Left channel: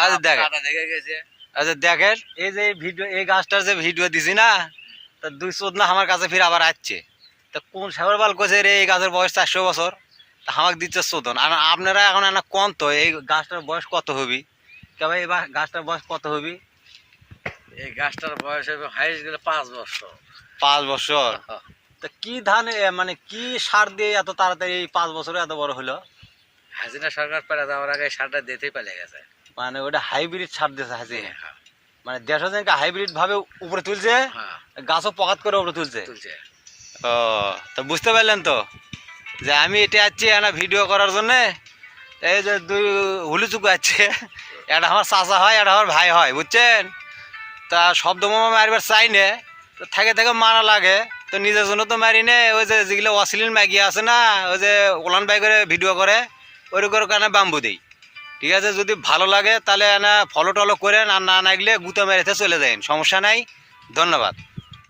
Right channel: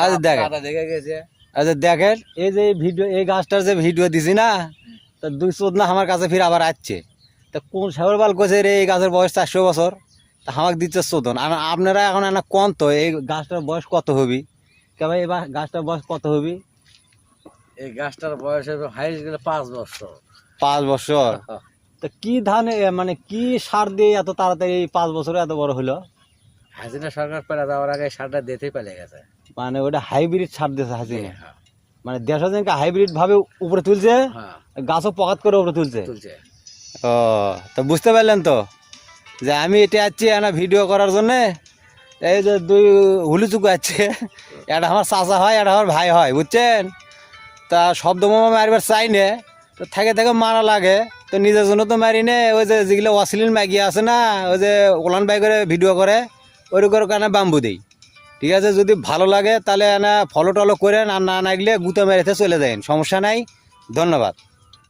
আচ্ছা দেখেন, দেখে গেছে। আচ্ছা দেখেন, এই যে ভিডিও, এই গাছটার যে ভিডিও দিছি না, তা 2 না আমার কাছে ফির আবার আসছে। তা কোন সাগর বাল কোচে রে এই গাছের বয়স 400 বছর, তা আমাকে দিচ্ছে 14। আর আপনারা এখন না কোন তো এই গাছটার বয়স কত হবি? কে ভাই, এবার গাছটার বয়স কত হবি? এই গাছটার বয়স হবে হাইস্ট গেলে 5 বছর। 5 বছর? তা কি ধান মানে কি সার দিয়ে এত তাড়াতাড়ি 5 বছরে এত বড় হলো? হাসিনা সরকার পেলে যাওয়ার আগে সারটা দিতেই পেলে গেছে। মানে ওটা হাইব্রিড সার দিয়েছে হাসিনা, হ্যাঁ, মানে দেড়শো জনকে হাইব্রিড ভাবে উপরে তুলছে, হ্যাঁ, গাছও পকাত করে উপরে তুলছে। তুলছে। ও, তো বুঝতে পারলেন তো যে আমি এটা আসছি একটা ভিডিও করার জন্যে। এই যে 2 হুলুচুকু আছে, একটা আমার চাচা হয়, একটা আমার ভাই হয়, বুঝছেন? তা শব্দ মামা মারবার চাই নে, তো থেকে থেকে মারা লাগে, তো নিজের জন্য তো মারি নে। ওই যে যেগুলো অশ্লীল ম্যাগি আছে না, ওই যে ওলান বাই করে ভিডিও করে, ওই করে কানে বাম্বু দেই। ঠিক আছে, যদি ভালো লাগে তাহলে না ফলো টলো করেন, আর না লাগলে গুঁতো মেরেতে চলে যাবেন, সমস্যা নাই। ধন্যবাদ।